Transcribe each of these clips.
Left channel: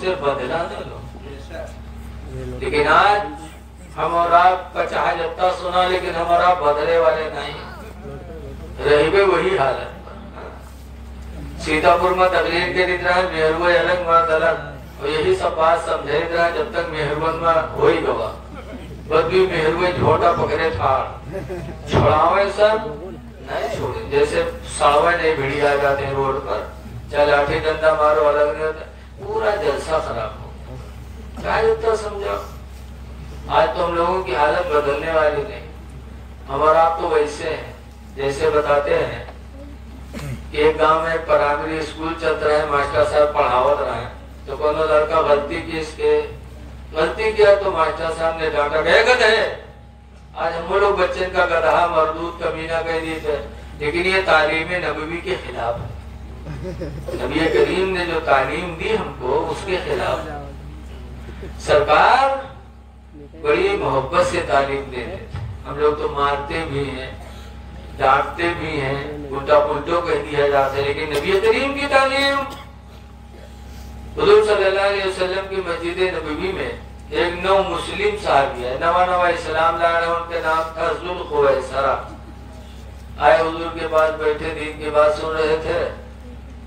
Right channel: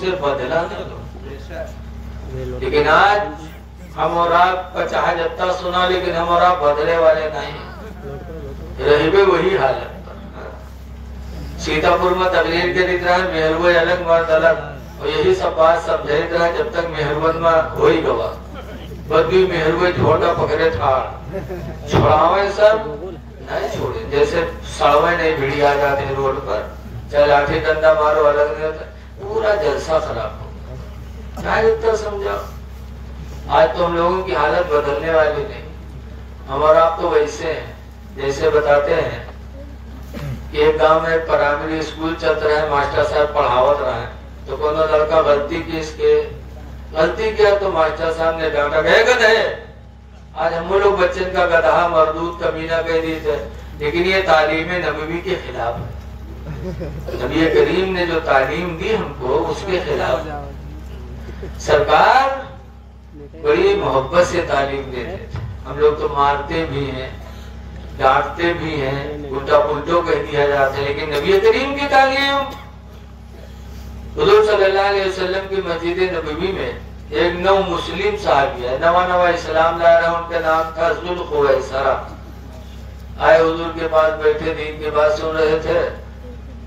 उससे बदला न लो। लेकिन आज हम और आपका चाहे जितना सुना, लेकिन हम और आप बदले वाले नहीं, रहे वही हालत पर। सीतापुर में तकलीफ के रहा है, मेहरवे अलग मर्द अलग, और यही सब बात समझे रहा है। जब तक मेहरवन में हो ही गवा बदबी मेहरवे झोटा पकड़े था छोड़ावे सब नहीं छोड़े। जैसे सावे नहीं भिड़ी आ जाते रोड पर, चाहे लाठी डंडा मारो अलग नहीं होता, पूरा जलसा खराब हो गया। क्या इतना समझाओ। आज तो हम लोगों की हालत बदलने वाली नहीं। हमारा आप तो वैसे हैं जैसे बताते हैं कि एक गांव में प्राइमरी स्कूल चल रहा है, मास्टर साहब पढ़ावत रहे, तो कोनो लड़का गलती की, इसके गलती किया तो मास्टर साहब ने डांटा, गधे है। आज हम लोग बच्चे का गधा मरदूद कमीना कह दिए थे, लेकिन ये तालीम नबवी के खिलाफ है। नबी करीम ने जो तालीम दी हमको उसके खिलाफ। सरकार बड़ी मोहब्बत से तालीम देते थे। हम लोग तो मारते भी हैं, डांटते भी हैं, उल्टा पुल्टो कह दिया जाता है, लेकिन नबी करीम की तालीम, हुजूर सल्लल्लाहु अलैहि वसल्लम की मस्जिद नबवी में एक नौ मुस्लिम साहबी है, नवा इस्लाम ला रहे, उनका नाम था जुल्खुवैसरा। आए हुजूर के पास बैठे, दीन की बात सुन रहे थे,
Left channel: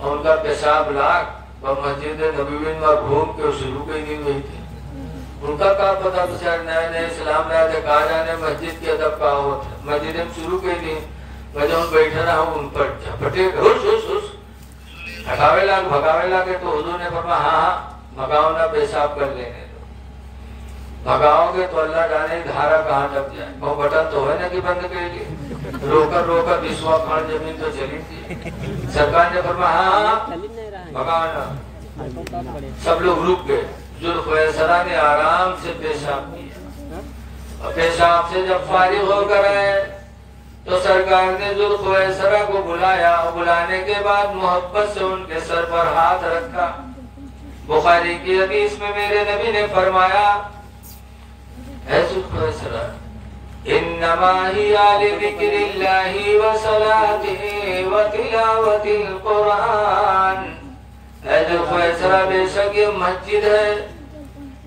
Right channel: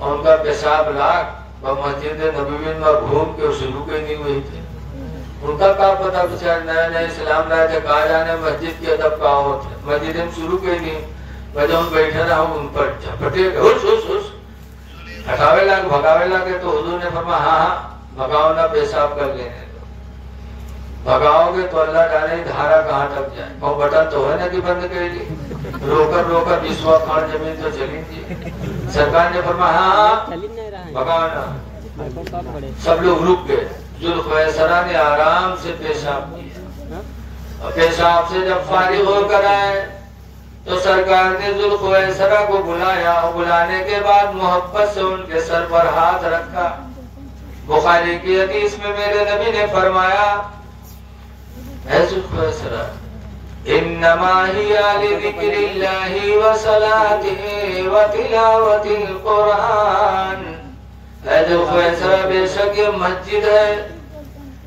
और उनका पेशाब लाख मस्जिद नबवी में घूम के शुरू कर दी हुई थी। उनका क्या पता, बेचारे नया नया इस्लाम लाए थे, कहा जाने मस्जिद के अदब का होते, मस्जिद में शुरू कर दी। मैं हम बैठे रहा हूँ, उन पर झपटे हटावे लाग भगावे लागे, तो हुजूर ने फरमाया हाँ भगाओ ना, पेशाब कर लेने दो। भगाओगे तो अल्लाह जाने धारा कहाँ तक जाए। वो बटन तो है ना कि बंद कर ली, रोकर विश्वा खान जमीन तो चली। सरकार ने फरमाया हाँ भगाओ ना। सब लोग रुक गए। जुल्खुवैसरा ने आराम से पेशाब किया, और पेशाब से जब फारिग होकर आए तो सरकार ने जुल्खुवैसरा को बुलाया, और बुलाने के बाद मोहब्बत से उनके सर पर हाथ रखा। बुखारी की हदीस में मेरे नबी ने फरमाया, है जुल्खुवैसरा इन्नमा हिया लिज़िक्रिल्लाहि व सलातिहि व तिलावतिल कुरान। है जुल्खुवैसरा बेशक ये मस्जिद है,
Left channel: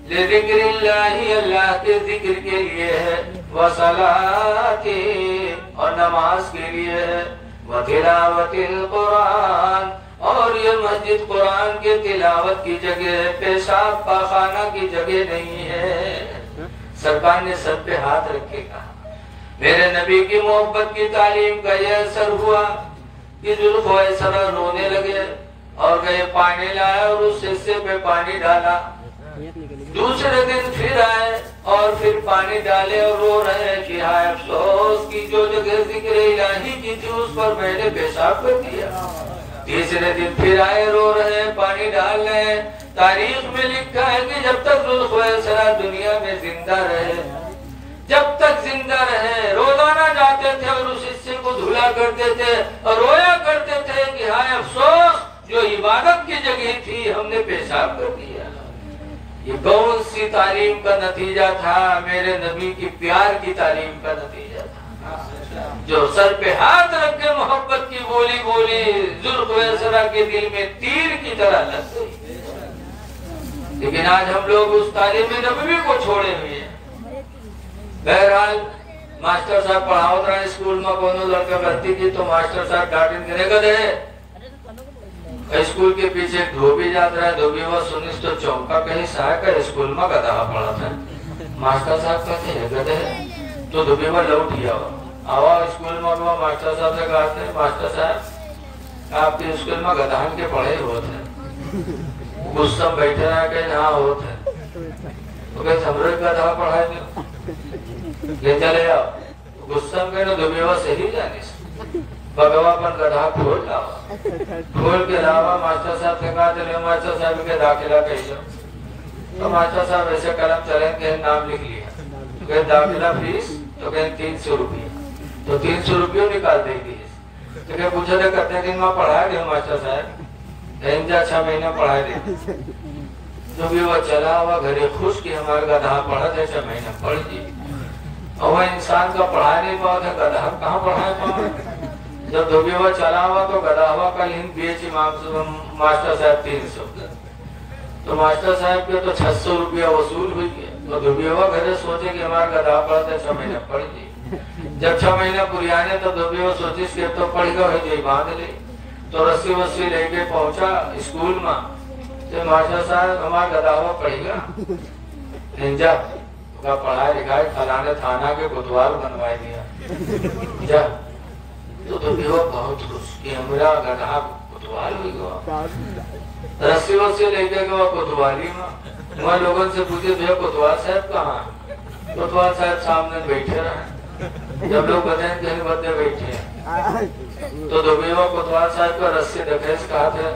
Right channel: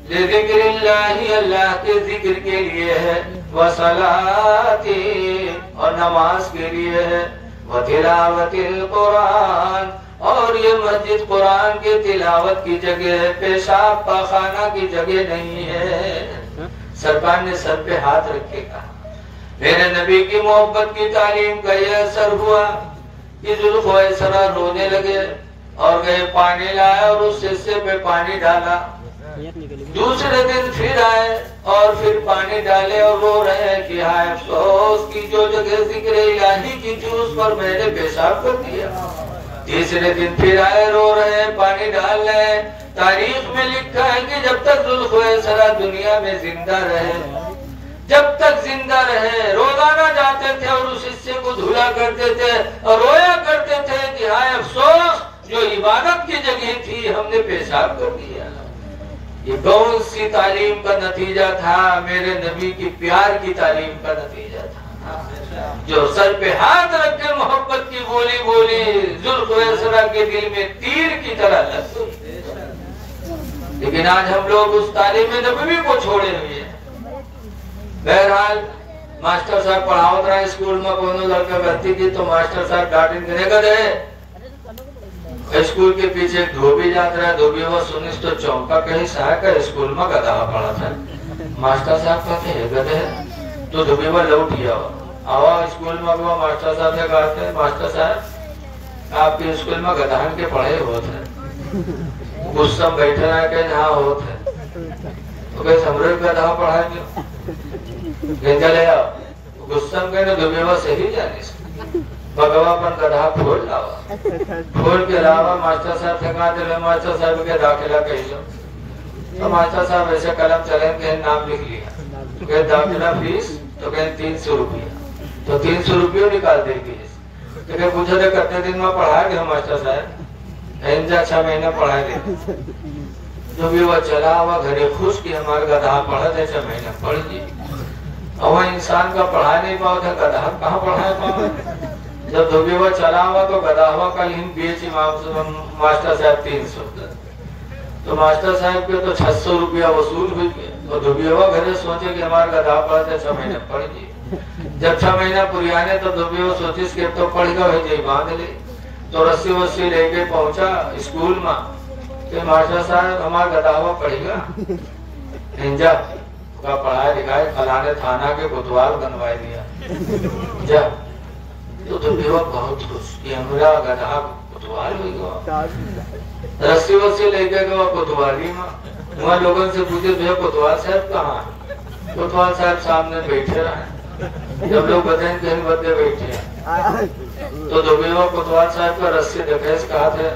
लिज़िक्रिल्लाहि अल्लाह के जिक्र के लिए है, व सलाती और नमाज के लिए है, व तिलावतिल कुरान और ये मस्जिद कुरान के तिलावत की जगह है, पेशाब पाखाना की जगह नहीं है। सरकार ने सर पे हाथ रख के कहा। मेरे नबी की मोहब्बत की तालीम का यह असर हुआ कि जुल्खुवैसरा रोने लगे और गए पानी लाया और उस हिस्से में पानी डाला। दूसरे दिन फिर आए और फिर पानी डाले और रो रहे हैं कि हाय अफसोस की जो जगह जिक्र इलाही की थी उस पर मैंने पेशाब कर दिया। तीसरे दिन फिर आए, रो रहे हैं, पानी डाल रहे हैं। तारीख में लिखा है कि जब तक जुल्खुवैसरा दुनिया में जिंदा रहे, जब तक जिंदा रहे, रोजाना जाते थे और उस हिस्से को धुला करते थे और रोया करते थे कि हाय अफसोस जो इबादत की जगह थी हमने पेशाब कर दिया। ये कौन सी तालीम का नतीजा था? मेरे नबी की प्यार की तालीम का नतीजा था, जो सर पे हाथ रख के मोहब्बत की बोली बोली जुल्खुवैसरा के दिल में तीर की तरह लग गई। लेकिन आज हम लोग उस तालीम नबवी को छोड़े हुए हैं। बहरहाल मास्टर साहब पढ़ावत रहे स्कूल में, कोनो लड़का गलती की तो मास्टर साहब डांटेंगे, स्कूल के पीछे एक धोबी जाता है, धोबी वो सुनिस तो चौंका, कहीं साहब का स्कूल में गधा पड़ा था। मास्टर साहब कहते हैं गधे, तो धोबी वो लौट गया आवा स्कूल में। वो मास्टर साहब से कहते हैं मास्टर साहब आपके स्कूल में गधान के पढ़े होते हैं। गुस्सा बैठे रहे कहीं हाँ होते हैं, तो कहीं समृद्ध गधा पढ़ाए क्यों चले आओ। गुस्सा में कहीं धोबी वो सही जाने भगवान गधा खोल लावा, खोल के लावा। मास्टर साहब के कहा मास्टर साहब के दाखिला कही लो, तो मास्टर साहब ऐसे कलम चले कहीं नाम लिख लिया, कहीं दाखिला फीस तो कहीं 300 रुपया, तो 300 रुपये निकाल देगी। तो कहीं पूछा था कितने दिन में पढ़ाए थे मास्टर साहब? 6 महीना पढ़ाए थे। जो भी वो चला हुआ घरे खुश की हमारे गधा पढ़ा थे 6 महीना पढ़ जी। और वह इंसान का पढ़ा नहीं पाओ था, गधा कहाँ पढ़ा पाओ? जब धोबी हुआ चला हुआ तो गधा हुआ का लिंक बेच मास्टर साहब 300। तो मास्टर साहब के तो 600 रुपया वसूल हुई गया। तो दुबियवा घरे सोचे कि हमारे गधा पढ़ते 6 महीने पढ़ जी। जब 6 महीना पुरियाने तो दुबियवा सोची कि तो पढ़ गए बांध ली। तो रस्सी वस्सी लेके पहुंचा स्कूल में। तो मास्टर साहब हमारा गधावा पढ़ेगा निंजा का पढ़ाई लिखाई फलाने थाना के कोतवाल बनवाई दिया जा। तो दुबियवा बहुत खुश कि हमारा गधा कोतवाल हुई गया। रस्सी वस्सी लेके गया कोतवाली में। वहाँ लोगों से पूछे भैया कोतवाल साहब कहाँ? कोतवाल साहब सामने बैठे रहे। जब लोग बताए कहीं बदले बैठे हैं तो दुबियवा कोतवाल साहब का रस्सी देखे कहा थे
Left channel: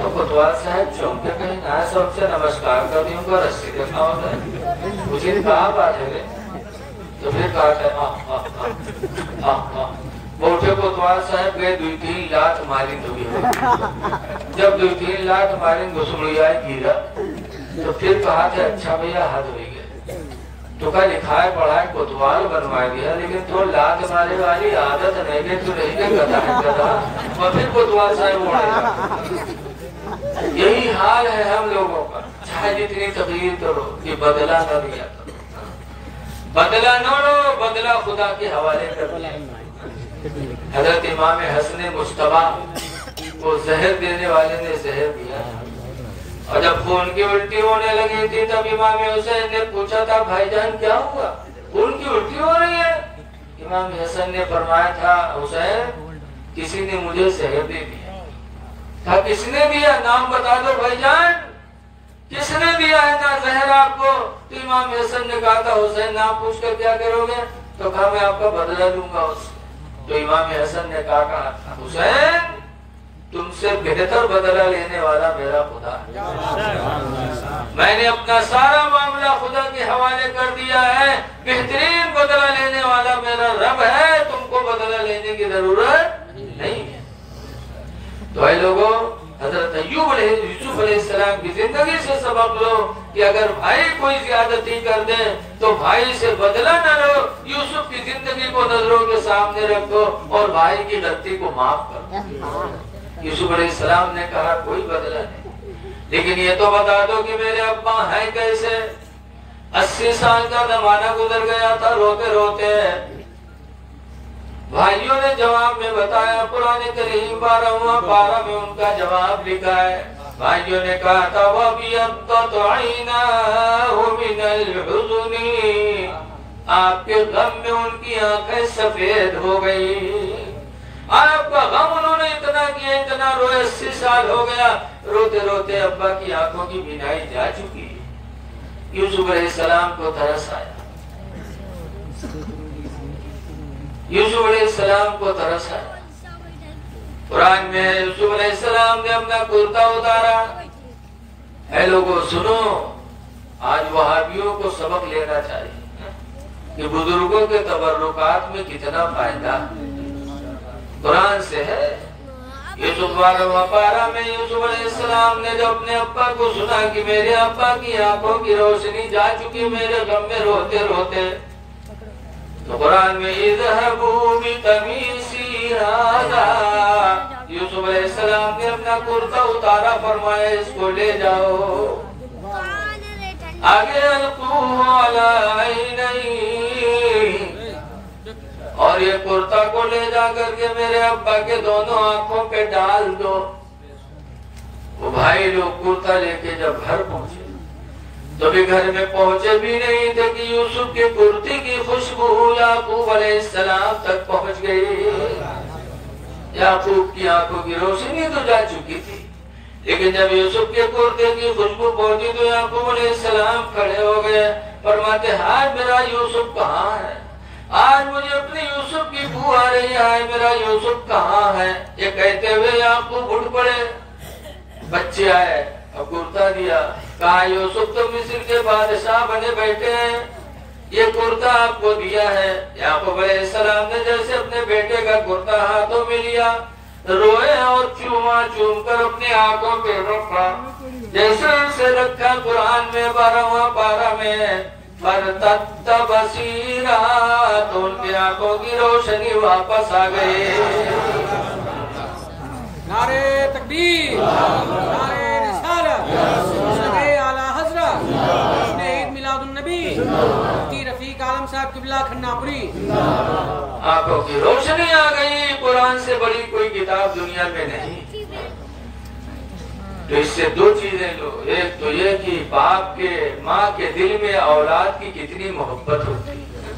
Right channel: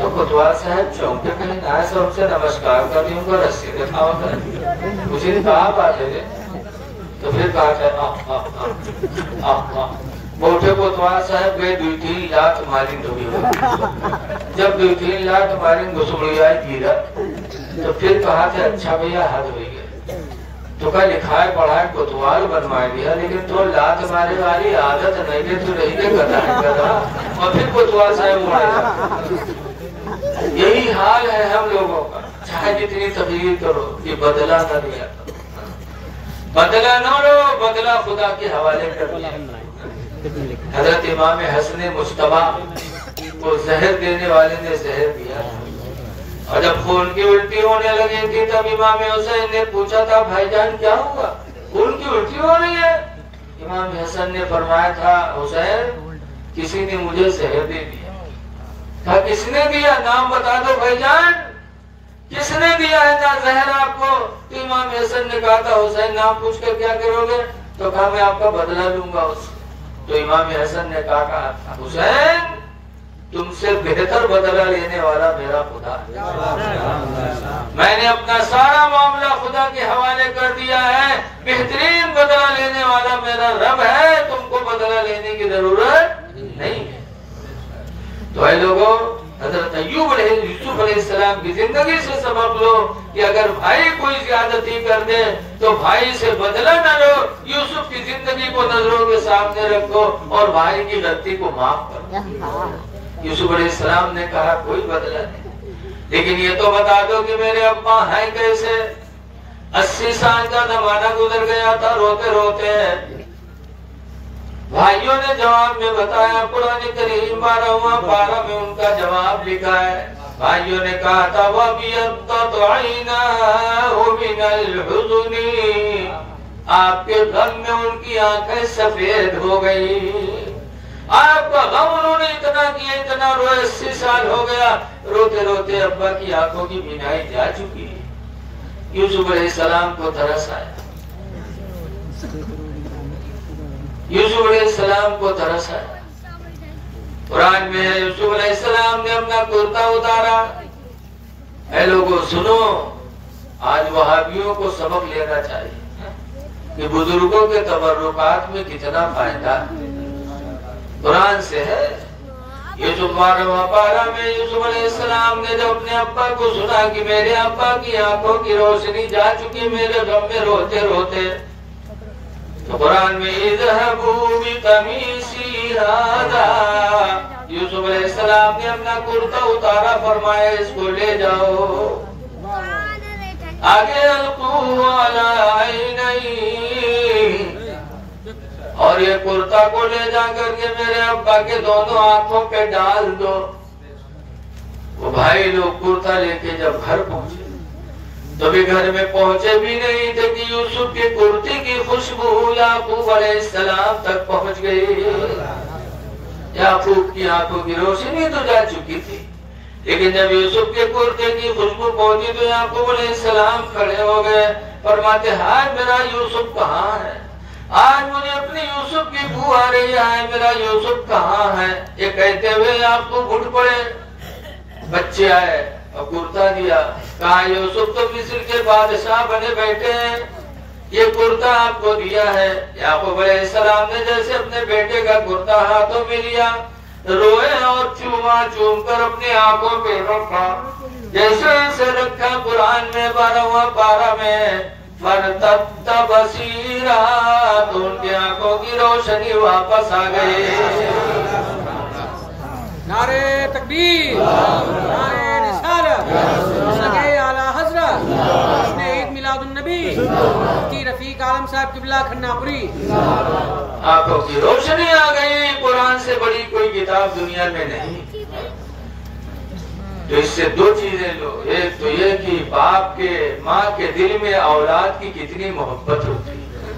तो कोतवाल साहब चौंके कहीं ना सबसे नमस्कार कर दी उनको रस्सी देखा होता है। मुझे कहा बात है तो फिर कहा था बोटे कोतवाल साहब गए 2-3 लाख मारी दुबियवा। जब 2-3 लाख मारी घुसमुड़िया गिरा तो फिर कहा था अच्छा भैया हाथ हो गए तो का लिखाए पढ़ाए कोतवाल बनवा दिया लेकिन तो लात मारे वाली आदत नहीं है तो रही के गधा और फिर कोतवाल साहब उड़ेगा। यही हाल है हम लोगों का। चाहे जितनी तकलीफ करो ये बदला न लिया करो। बदला न लो, बदला खुदा के हवाले कर दिया। हजरत इमाम हसन मुस्तफा को जहर देने वाले ने जहर दिया और जब खून की उल्टी होने लगी थी तब इमाम हुसैन ने पूछा था भाईजान क्या हुआ, खून की उल्टी हो रही है? इमाम हसन ने फरमाया था हुसैन किसी ने मुझे जहर दे दिया। था किसने दिया? नाम बता दो भाईजान, किसने दिया है ना जहर आपको? तो इमाम हसन ने कहा था हुसैन नाम पूछ कर क्या करोगे? तो कहा मैं आपका बदला लूंगा उससे। तो इमाम हसन ने कहा हुसैन तुमसे बेहतर बदला लेने वाला मेरा खुदा है। मैंने अपना सारा मामला खुदा के हवाले कर दिया है। बेहतरीन बदला लेने वाला मेरा रब है, तुमको बदला लेने की जरूरत नहीं है। तो भाई लोगों, हजरत यूसुफ अलैहिस्सलाम की जिंदगी से सबक लो कि अगर भाई कोई ज्यादती कर दे तो भाई से बदला न लो। यूसुफ की जिंदगी को नजरों के सामने रखो और भाई की गलती को माफ करो। यूसुफ अलैहिस्सलाम ने कहा कोई बदला नहीं, लेकिन ये तो बता दो कि मेरे अब्बा हैं कैसे। 80 साल का जमाना गुजर गया था रोते रोते। भाइयों ने जवाब में बताया, कुरान करीम 12वां पारा में उनका जवाब लिखा है। भाइयों ने कहा था आपके गम में उनकी आंखें सफेद हो गई। आपका गम उन्होंने इतना किया, इतना रोए, 80 साल हो गया रोते रोते अब्बा की आंखों की बीनाई जा चुकी है। यूसुफ अलैहिस्सलाम को तरस आया। यूसुफ अलैहिस्सलाम को तरस आया। कुरान में यूसुफ अलैहिस्सलाम ने अपना कुर्ता उतारा। ऐ लोगों सुनो, आज वहाबियों को सबक लेना चाहिए कि बुजुर्गों के तबर्रुकात में कितना फायदा कुरान से है। यूसुफ 12वां पारा में यूसुफ अलैहिस्सलाम ने जब अपने अब्बा को सुना कि मेरे अब्बा की आंखों की रोशनी जा चुकी मेरे गम में रोते रोते, तो कुरान में इज़हबू बिक़मीसी हाज़ा, यूसुफ अलैहिस्सलाम ने अपना कुर्ता उतारा, फरमाया इसको ले जाओ आगे अलक़ूहु अला ऐनैहि, और ये कुर्ता को ले जा करके मेरे अब्बा के दोनों आंखों पे डाल दो। वो भाई लोग कुर्ता लेके जब घर पहुंचे तो भी घर में पहुंचे भी नहीं थे कि यूसुफ की कुर्ती की खुशबू याकूब अलैहिस्सलाम तक पहुंच गई। याकूब की आंखों की रोशनी तो जा चुकी थी, लेकिन जब यूसुफ के कुर्ते की खुशबू पहुंची तो याकूब अलैहिस्सलाम खड़े हो गए, फरमाते हाय मेरा यूसुफ कहाँ है? आज मुझे अपने यूसुफ की बू आ रही है, मेरा यूसुफ कहाँ है? ये कहते हुए याकूब उठ पड़े। बच्चे आए और कुर्ता दिया, कहा यूसुफ तो मिस्र के बादशाह बने बैठे हैं, ये कुर्ता आपको दिया है। याकूब अलैहिस्सलाम ने जैसे अपने बेटे का कुर्ता हाथों में लिया, रोए और चूमा चूम कर अपने आंखों पे रखा। जैसे इसे रखा कुरान में 12वां पारा में बसीरा, तो उनकी आंखों की रोशनी वापस आ गई। नारे तकबीर, नारे रिसालत, सगे आला हजरत, जश्न ईद मिलादुन नबी, मुफ्ती रफीक आलम साहब किबला खन्नापुरी। आंखों की रोशनी आ गई, कुरान से बड़ी कोई किताब दुनिया में नहीं। तो इससे दो चीजें लो, एक तो ये कि बाप के माँ के दिल में औलाद की कितनी मोहब्बत होती है,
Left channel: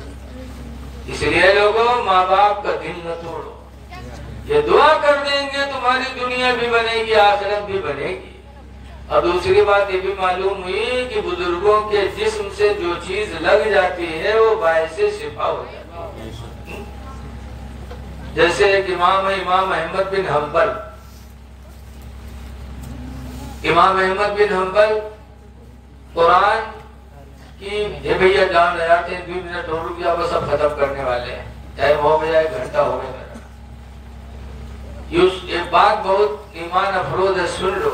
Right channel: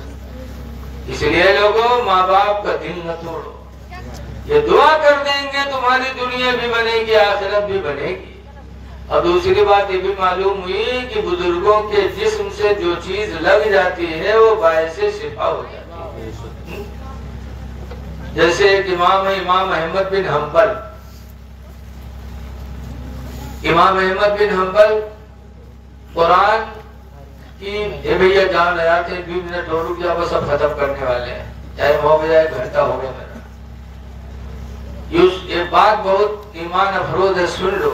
इसलिए लोगों माँ बाप का दिल न तोड़ो। ये दुआ कर देंगे तुम्हारी दुनिया भी बनेगी, आखिरत भी बनेगी। और दूसरी बात ये भी मालूम हुई कि बुजुर्गों के जिस्म से जो चीज लग जाती है वो बायसे शिफा हो जाती है। जैसे एक इमाम है, इमाम अहमद बिन हम्बल। इमाम अहमद बिन हम्बल कुरान की, ये भैया जान रहा थे 2 मिनट और रुक जाओ, सब खत्म करने वाले हैं, टाइम हो गया, 1 घंटा हो गया मेरा। ये बात बहुत ईमान अफरोज है, सुन लो।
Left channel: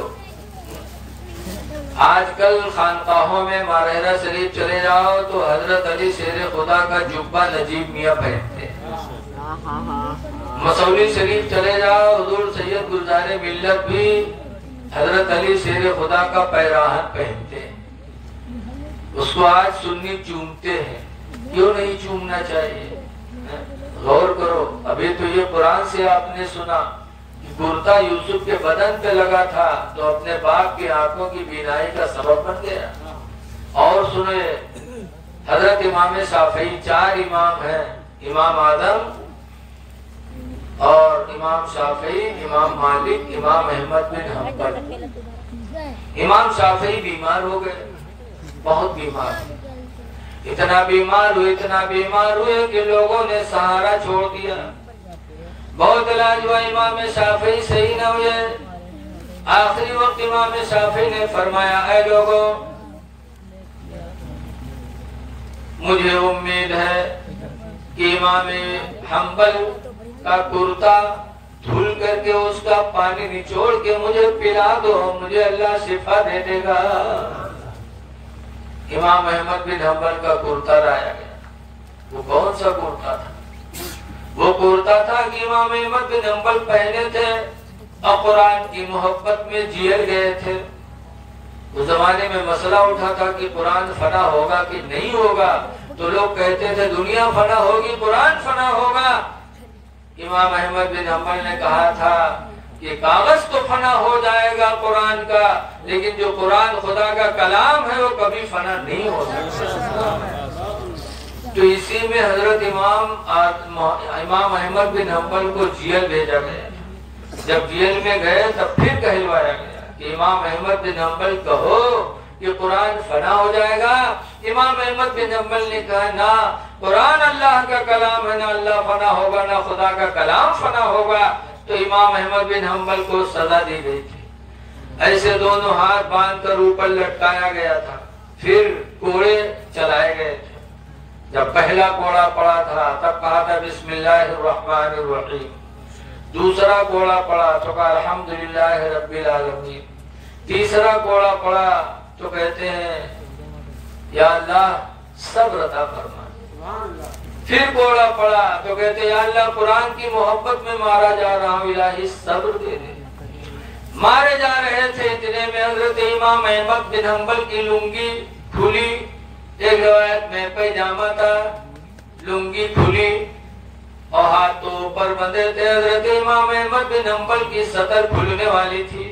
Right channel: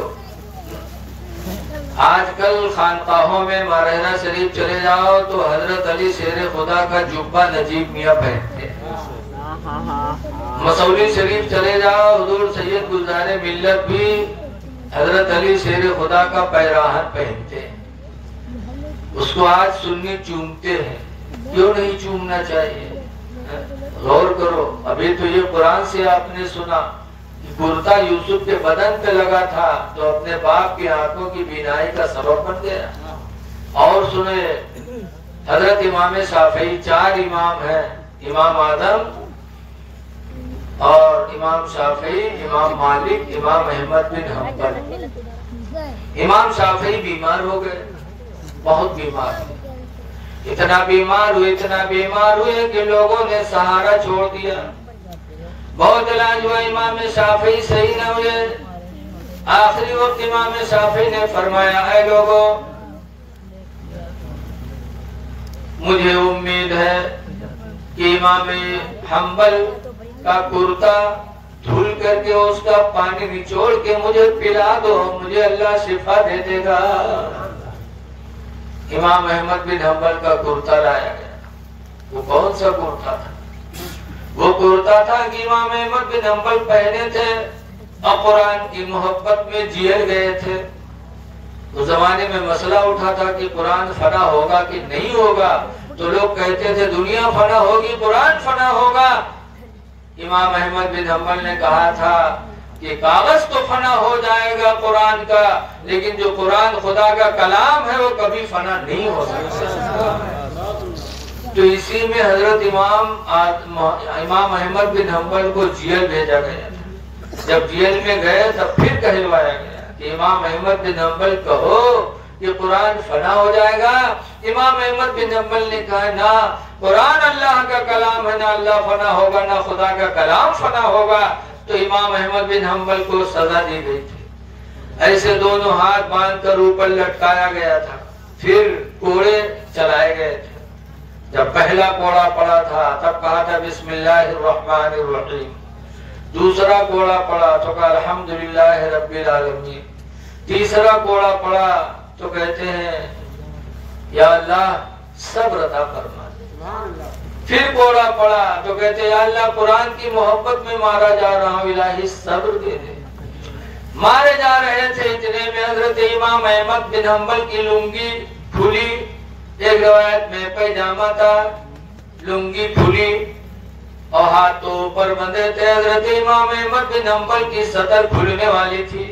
आजकल खानकाहों में मारहरा शरीफ चले जाओ तो हजरत अली शेर खुदा का जुब्बा नजीब मियाँ पहनते हैं। मसौली शरीफ चले जाओ, हुजूर सैयद गुलजारे मिल्लत भी हजरत अली शेर खुदा का पैराहन पहनते हैं। उसको आज सुन्नी चूमते हैं, क्यों नहीं चूमना चाहिए? गौर करो। अभी तो ये कुरान से आपने सुना कि कुर्ता यूसुफ के बदन पे लगा था तो अपने बाप की आंखों की बीनाई का सबब बन गया। और सुने, हजरत इमाम शाफी, 4 इमाम हैं, इमाम आदम और इमाम शाफी, इमाम मालिक, इमाम अहमद बिन हम्बल। इमाम शाफी बीमार हो गए, बहुत बीमार, इतना बीमार हुए कि लोगों ने सहारा छोड़ दिया। बहुत इलाज हुआ, इमाम शाफी सही न हुए। आखिरी वक्त इमाम शाफी ने फरमाया, ऐ लोगों, मुझे उम्मीद है कि इमाम हम्बल का कुर्ता धुल करके उसका पानी निचोड़ के मुझे पिला दो, मुझे अल्लाह शिफा दे देगा। इमाम अहमद बिन हम्बल का कुर्ता लाया गया। वो कौन सा कुर्ता था? वो कुर्ता था कि इमाम अहमद बिन हम्बल पहने थे और कुरान की मोहब्बत में जिए गए थे। उस जमाने में मसला उठा था कि कुरान फना होगा कि नहीं होगा। तो लोग कहते थे दुनिया फना होगी, कुरान फना होगा। इमाम अहमद बिन हम्बल ने कहा था कि कागज तो फना हो जाएगा कुरान का, लेकिन जो कुरान खुदा का कलाम है वो कभी फना नहीं हो सकता। तो इसी में हजरत इमाम अहमद बिन हम्बल को जेल भेजा गया था। जब जेल में गए तब फिर कहलवाया गया कि इमाम अहमद बिन हम्बल कहो कि कुरान फना हो जाएगा। इमाम अहमद बिन हम्बल ने कहा, ना, कुरान अल्लाह का कलाम है, ना अल्लाह फना होगा, ना खुदा का कलाम फना होगा। तो इमाम अहमद बिन हम्बल को सजा दी गई थी। ऐसे दोनों हाथ बांधकर ऊपर लटकाया गया था। फिर कोड़े चलाए गए थे। जब पहला कोड़ा पड़ा था तब कहा था बिस्मिल्लाहिर्रहमानिर्रहीम। दूसरा कोड़ा पड़ा तो कहा अल्हम्दुलिल्लाह रब्बिल आलमीन। तीसरा कोड़ा पड़ा तो कहते हैं या अल्लाह सब्र अता फरमा। फिर कोड़ा पड़ा तो कहते हैं या अल्लाह कुरान की मोहब्बत में मारा जा रहा हूँ, इलाही सब्र दे दे। मारे जा रहे थे, इतने में हजरत इमाम अहमद बिन हम्बल की लुंगी खुली। एक रिवायत में पैजामा था, लुंगी खुली और हाथ तो ऊपर बंधे थे। हजरत इमाम अहमद बिन हम्बल की सतर खुलने वाली थी।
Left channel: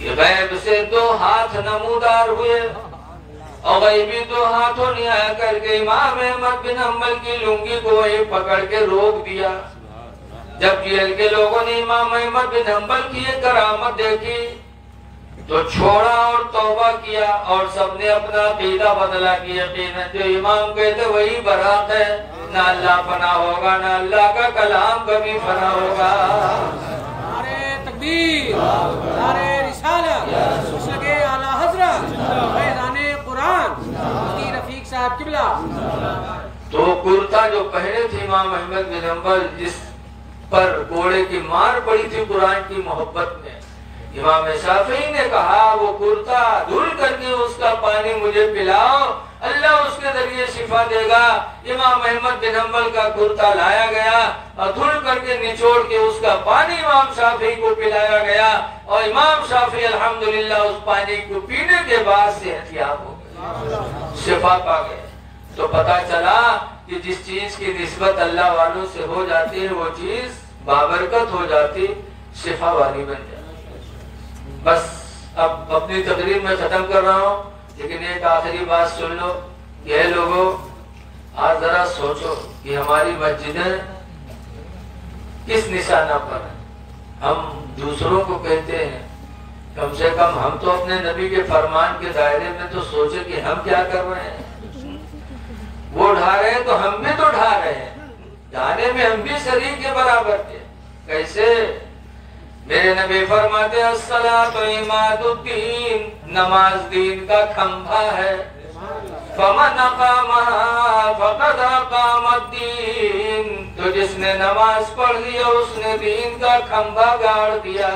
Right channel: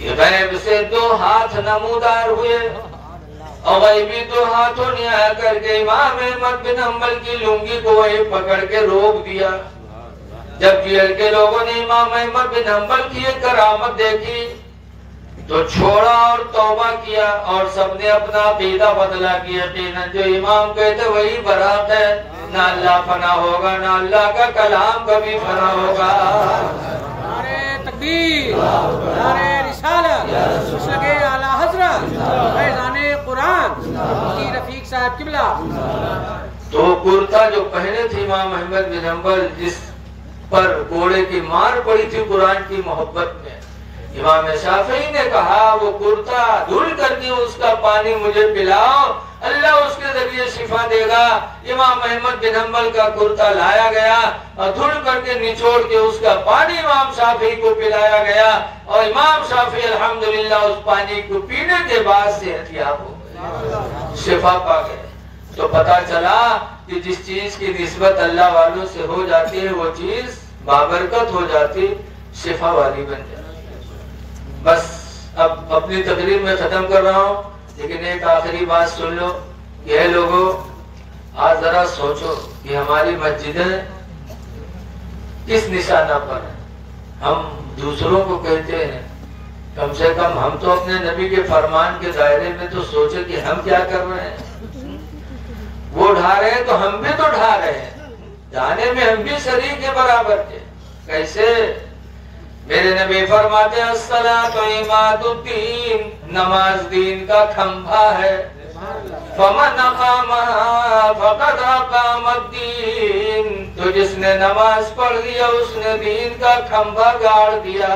गैब से 2 हाथ नमूदार हुए और गैबी 2 हाथों ने आया करके इमाम अहमद बिन हम्बल की लुंगी को वही पकड़ के रोक दिया। जब जेल के लोगों ने इमाम अहमद बिन हम्बल की एक करामत देखी तो छोड़ा और तौबा किया और सबने अपना अकीदा बदला कि यकीनन जो इमाम कहते वही बरात है। ना अल्लाह फना होगा, ना अल्लाह का कलाम कभी फना होगा। नारे तकबीर, नारे रिसालत, सगे आला हजरत, फैज़ाने कुरान, मुफ्ती रफीक साहब किबला। तो कुर्ता जो पहने थे इमाम अहमद बिन हम्बल, जिस पर कोड़े की मार पड़ी थी कुरान की मोहब्बत में, इमाम शाफी ने कहा वो कुर्ता धुल करके उसका पानी मुझे पिलाओ, अल्लाह उसके जरिए शिफा देगा। इमाम अहमद बिन हम्बल का कुर्ता लाया गया और धुल करके निचोड़ के उसका पानी इमाम शाफी को पिलाया गया और इमाम शाफी अल्हम्दुलिल्लाह उस पानी को पीने के बाद सेहतियाब हो गए, शिफा पा गए। तो पता चला कि जिस चीज की निस्बत अल्लाह वालों से हो जाती है वो चीज बाबरकत हो जाती, शिफा वाली बन जाती। बस अब अपनी तकरीर में खत्म कर रहा हूँ, लेकिन एक आखिरी बात सुन लो। ये लोगों, आज जरा सोचो कि हमारी मस्जिदें किस निशाना पर है। हम दूसरों को कहते हैं, कम से कम हम तो अपने नबी के फरमान के दायरे में तो सोचे कि हम क्या कर रहे हैं। वो ढा रहे हैं तो हम भी तो ढा रहे हैं, ढाने में हम भी शरीक के बराबर थे। कैसे? मेरे नबी फरमाते हैं अस्सलातु इमादुद्दीन, नमाज दीन का खंभा है। फमन अक़ामहा फ़क़द अक़ामद्दीन, तो जिसने नमाज पढ़ लिया उसने दीन का खंभा गाड़ दिया।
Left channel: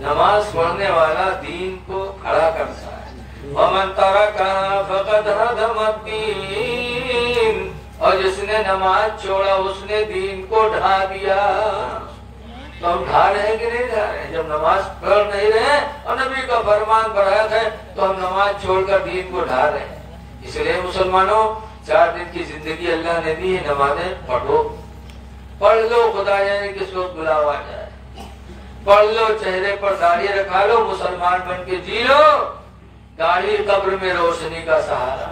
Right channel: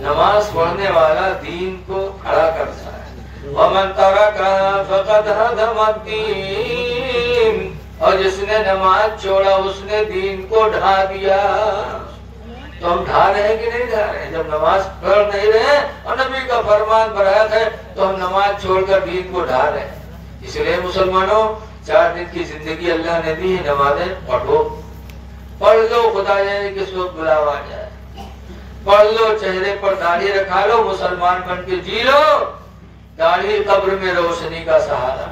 नमाज पढ़ने वाला दीन को खड़ा करता है। वमन तरका फ़क़द हदमद्दीन, और जिसने नमाज छोड़ा उसने दीन को ढा दिया। तो हम ढा रहे हैं कि नहीं ढा रहे हैं? जब नमाज पढ़ नहीं रहे और नबी का फरमान बरात है तो हम नमाज छोड़कर दीन को ढा रहे हैं। इसलिए मुसलमानों, 4 दिन की जिंदगी अल्लाह ने दी है, नमाजें पढ़ो, पढ़ लो, खुदा जाने किस वक्त बुलावा आ जाए। पढ़ लो, चेहरे पर दाढ़ी रखा लो, मुसलमान बन के जी लो। दाढ़ी कब्र में रोशनी का सहारा,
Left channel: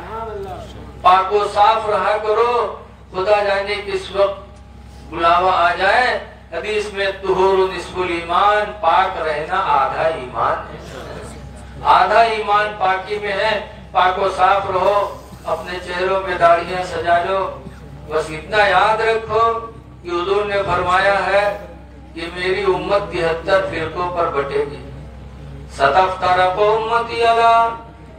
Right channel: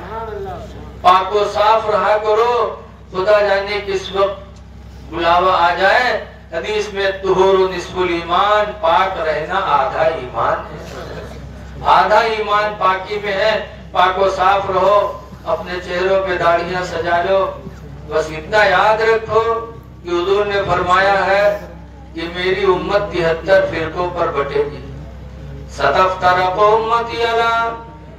पाको साफ रहा करो, खुदा जाने किस वक्त बुलावा आ जाए। हदीस में तुहूरु निस्फुल ईमान, पाक रहना आधा ईमान है। आधा ईमान पाकी में है। पाको साफ रहो, अपने चेहरों पे दाढ़ियां सजा लो। बस इतना याद रखो कि हुजूर ने फरमाया है कि मेरी उम्मत 73 फिरकों पर बटेगी। सतफ्तरक़ु उम्मती अला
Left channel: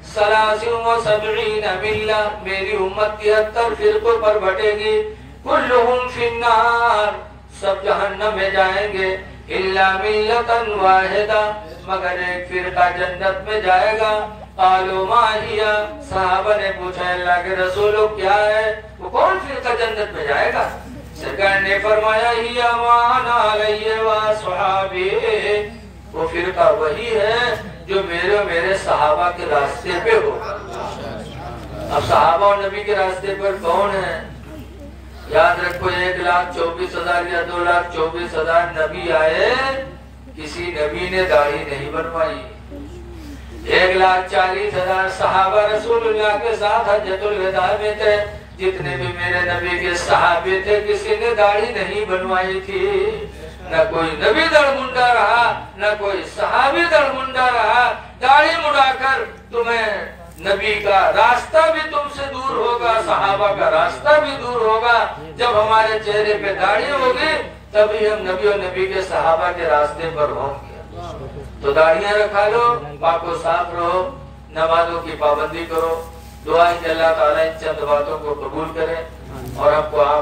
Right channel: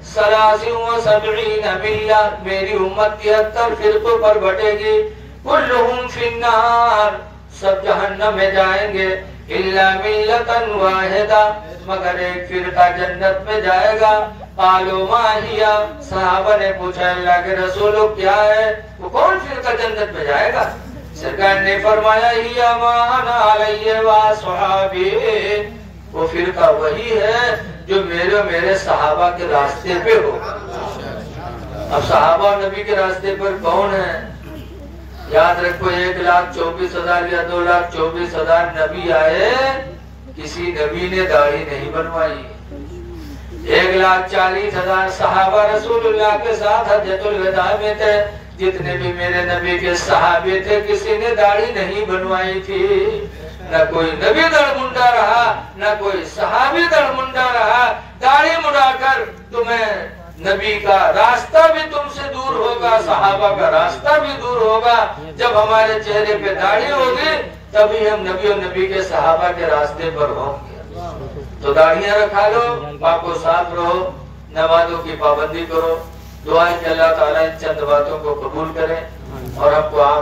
सलासिन व सबईन मिल्ला, मेरी उम्मत 73 फिरकों पर बटेगी। कुल्लुहुम फिन्नार, सब जहन्नम में जाएंगे। इल्ला मिल्लतन वाहिदा, मगर एक फिरका जन्नत में जाएगा। कालो मा हिया, सहाबा ने पूछा अल्लाह के रसूल क्या है, वो कौन फिरका जन्नत में जाएगा? सरकार ने फरमाया हिया मा अना अलैहि व अस्हाबी, वो फिरका वही है जो मेरे सहाबा के रास्ते पे हो। अब सहाबा और नबी के रास्ते पर कौन है? याद रखो, 1,24,000 या 2,24,000 नबी आए, किसी नबी ने दाढ़ी नहीं बनवाई। 1,40,000 सहाबा रसूलुल्लाह के साथ हज्जतुल विदा में थे। जितने भी मेरे नबी के सहाबे थे, किसी ने दाढ़ी नहीं बनवाई थी। न कोई नबी दड़मुंडा रहा, न कोई सहाबी दड़मुंडा रहा। दाढ़ी मुड़ाकर तुम्हें नबी का रास्ता भी तुमसे दूर होगा, सहाबा का रास्ता भी दूर होगा। जब हमारे चेहरे पे दाढ़ी होगी तभी हम नबी और नबी के सहाबा के रास्ते पर होंगे। तो दाढ़ियां रखा लो, पाको साफ रहो, नमाजों की पाबंदी करो। दुआ है कि अल्लाह ताला इन चंद बातों को कबूल करे और हमको आप